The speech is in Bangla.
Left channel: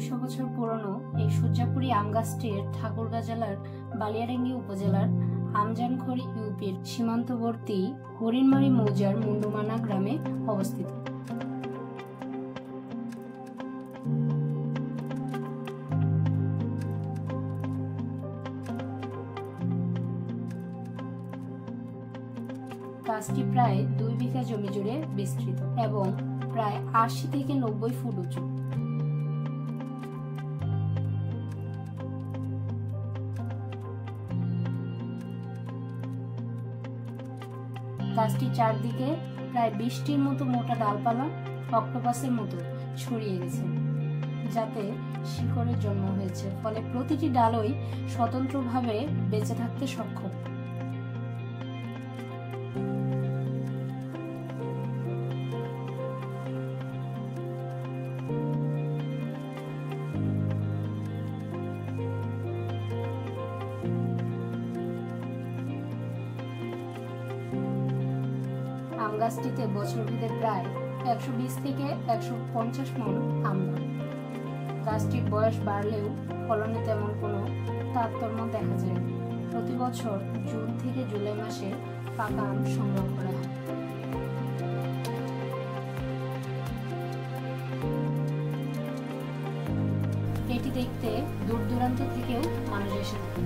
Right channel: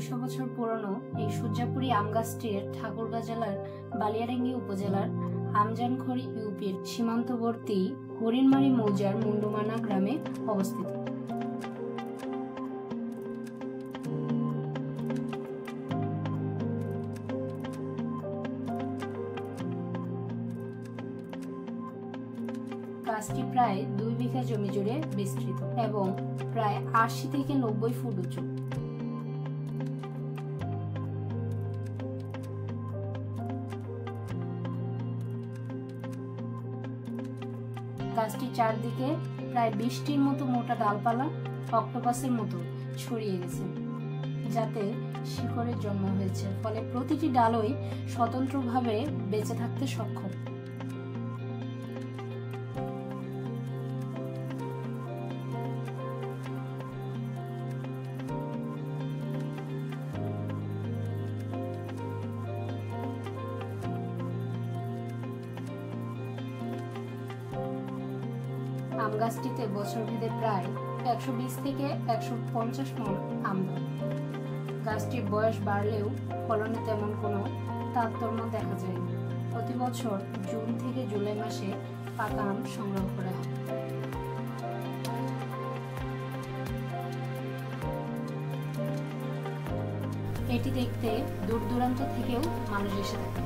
200 বছর পুরনো এই সূর্যাপুরী আম গাছটির ঠাকুরগাঁ জেলার বালিয়াডাঙ্গি উপজেলার আমজানখড়ি ইউপির সীমান্তবর্তী হরিণমারী মৌজার মুন্ডুমানা গ্রামে অবস্থিত। গাছটি প্রায় 2 বিঘা জমি জুড়ে বিস্তৃত এবং প্রায় 80 থেকে 90 ফুট উঁচু। গাছটির চারদিকে প্রায় 20টির মতো মোটা ডালপালা অক্টোপাসের মতো ছড়িয়ে গেছে, যাতে শিকড়ের জন্ম হয়েছে, ফলে প্রতিটি ডালই স্বতন্ত্রভাবে বেঁচে থাকতে সক্ষম। আম গাছটিতে বছরভেদে প্রায় 120 থেকে 150 মণ আম ধরে। গাছটির বয়স বাড়লেও ফলনে তেমন কোনো তারতম্য দেখা যায় না। প্রতি বছর জুন থেকে জুলাই মাসে পাকা আম সংগ্রহ করা হয়। এটি দেখতে দূর দূরান্ত থেকেও মানুষ এসে থাকে।